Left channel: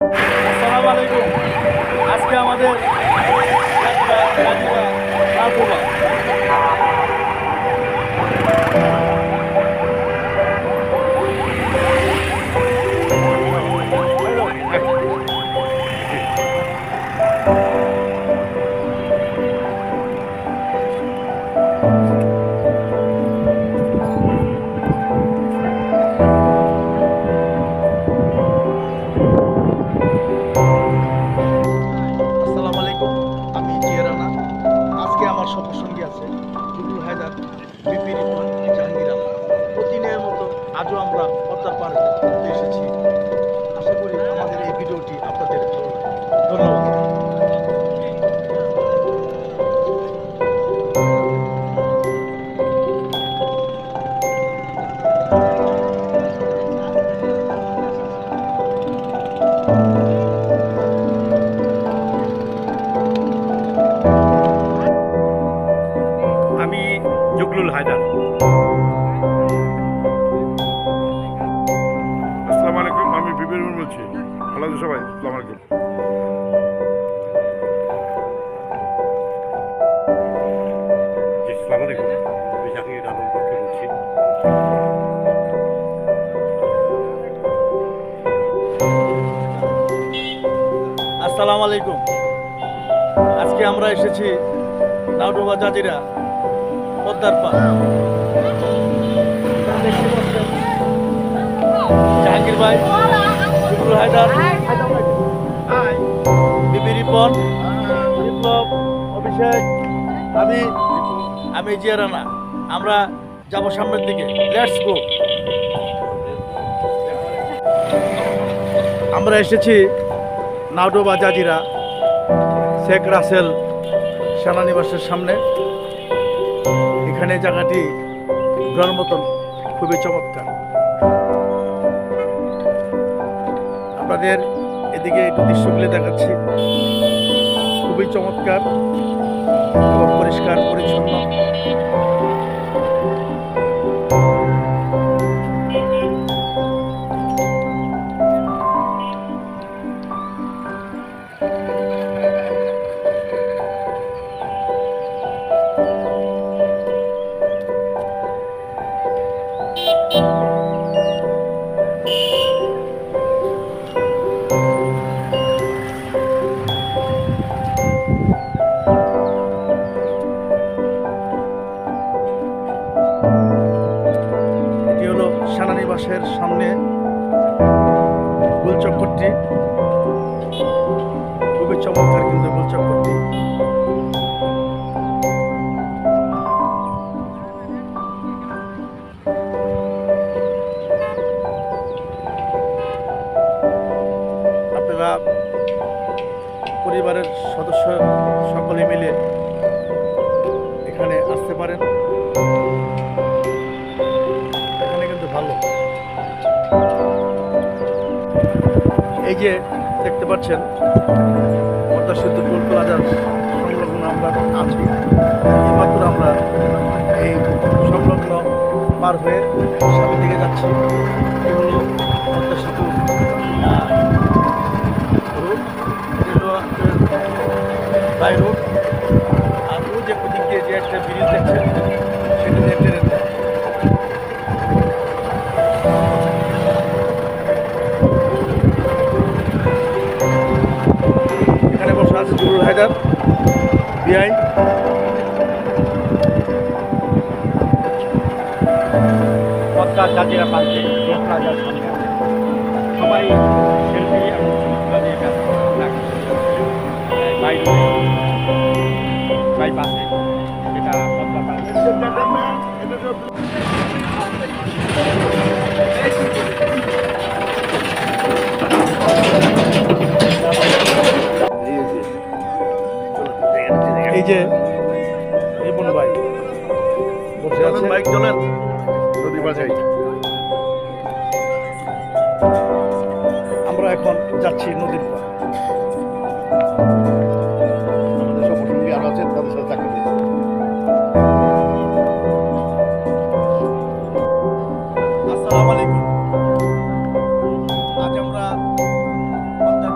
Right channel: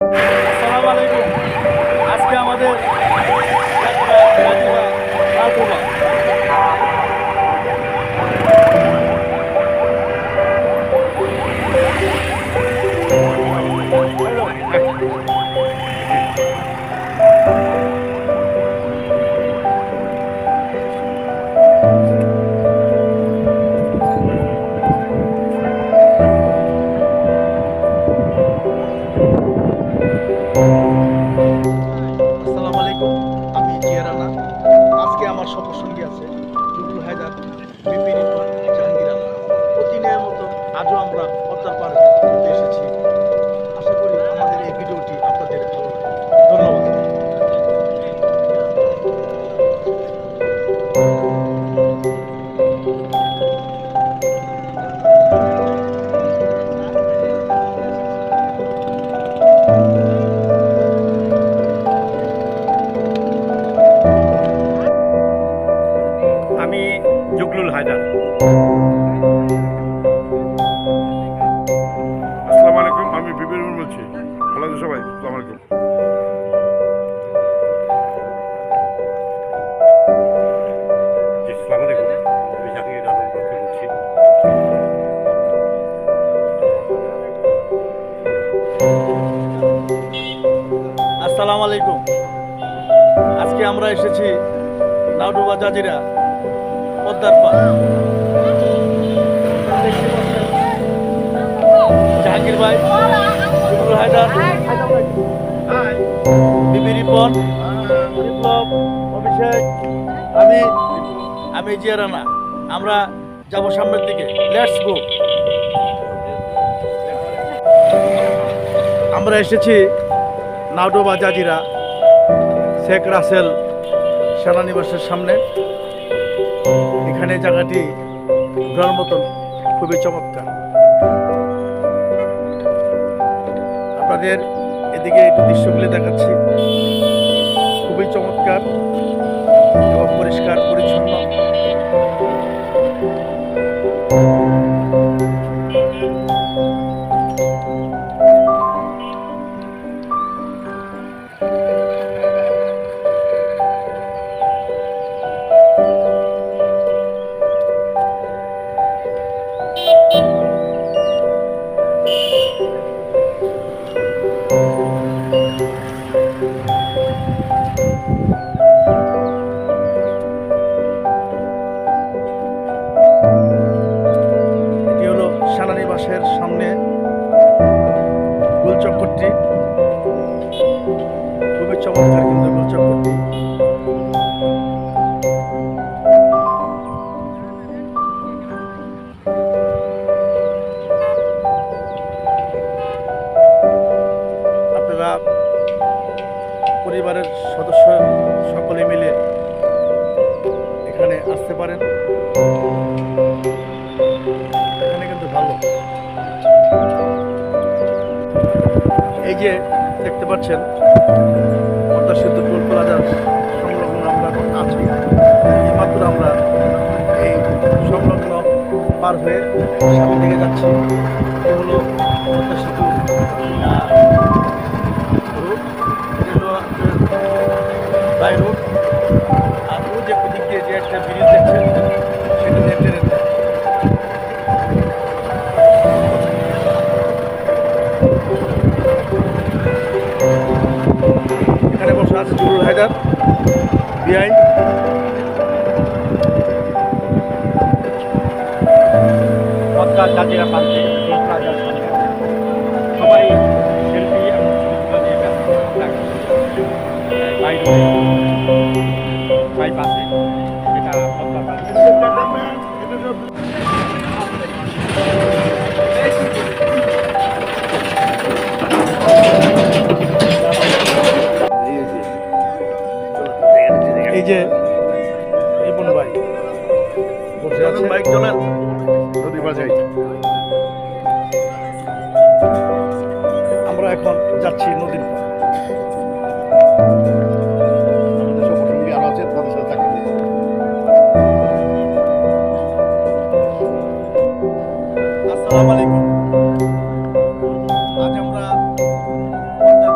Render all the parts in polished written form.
আসসালামু আলাইকুম। আজকে আমাদের আসসালামু আলাইকুম, আমি জিয়ারানা। আজকে আমার সফরসঙ্গী আছে জুগলুল হায়দার, বিপি রিপন, জাহাঙ্গীর আলম। প্রতিদিনের মতো আজও আমরা পদ্মার পাড়ে ঘুরতে এসেছি। আশা করি আমাদের এই ভিডিওটি আপনাদের ভালো লাগবে। ধন্যবাদ। আমি জুগলুল হায়দার। আসসালামু আলাইকুম, আমি বিপিন বলছি। ভালো আছেন সবাই? আসসালামু আলাইকুম। আসসালামু আলাইকুম, আমি জাহাঙ্গীর আলম বলছি। আসসালামু আলাইকুম। আজকে আমরা এসেছি নাওডুবা জাজিরা পদ্মার পাড়। দেখতে পাচ্ছেন জাহাঙ্গীর ভাই, জুগলুল হায়দার, বিবি রিপন, বিপ্লব, অভিষেক, আমি জিয়ারানা। আমরা যাব সামনের দিকে। Let's go. আমরা এসেছি নাওডুবা জাজিরা শেখ রাসেল সেনানিবাসের সামনে। এখানে জায়গাটি ঘোরার মতন খুবই চমৎকার। আপনাদের এদিকে একটু দৃশ্যগুলি দেখাচ্ছি। খুবই চমৎকার এবং পরিষ্কার পরিচ্ছন্ন। এটি হলো সেনানিবাসের সামনে গোলচক্করটি। খুবই চমৎকার কিন্তু গোলচক্করটি। আপনারা পরিবারের সদস্য সকলে মিলে এখানে আসতে পারেন। এখানে কিন্তু ভালো। এই যে দেখতে পাচ্ছেন পদ্মা সেতু টোল প্লাজার সংলগ্ন আমরা আছি। এইমাত্র আমরা এই সংলগ্ন পার হয়ে সামনে দিকে যাচ্ছি। এগুলো পদ্মা সেতু রুট, বাই রুট। আর ও যে দিক দিয়ে যে একটা ব্রিজ দেখছেন সেটা দিয়ে ট্রেনের যায়। এখানে বসে আছে জুগলুল হায়দার বিআই। পদ্মা জাজিরা প্রান্তে টোল প্লাজার সামনে সবাই সেলফি এবং ছবি তোলা নিয়ে ব্যস্ত। বাইপাসে এটা পদ্মা প্রান্তে। এই যে রিপন ভাই বসে আছে। বাইক চলেন, নদী বাজাই। আমরা এখন যাচ্ছি নদীর পাড়। আমাদের সফরসঙ্গী আরো আছে, তাদের সাথে দেখা করতে। আসসালামু আলাইকুম। আজ আমরা পদ্মার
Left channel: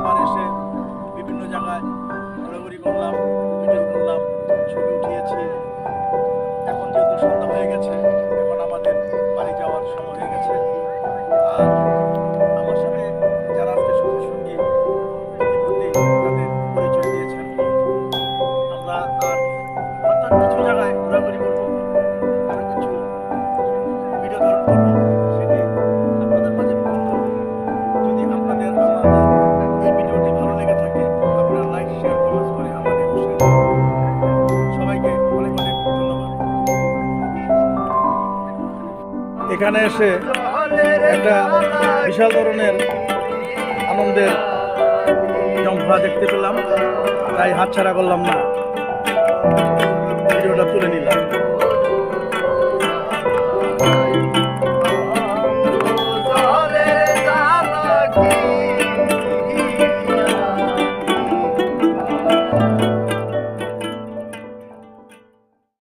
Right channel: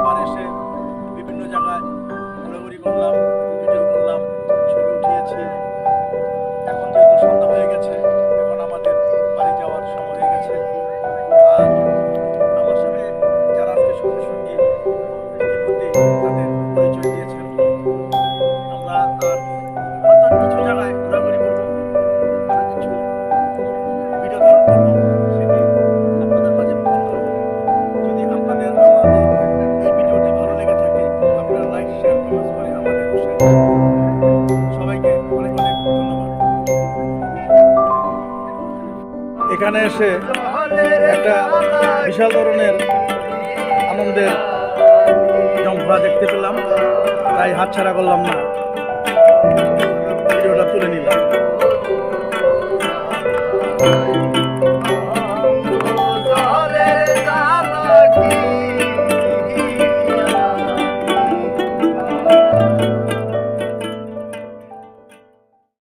এখানে এসে একটা বিশাল ধরনের আনন্দের জম্পা দেখতে পেলাম, তাই হাতছাড়া করলাম না, ভিডিওটা তুলে নিলাম।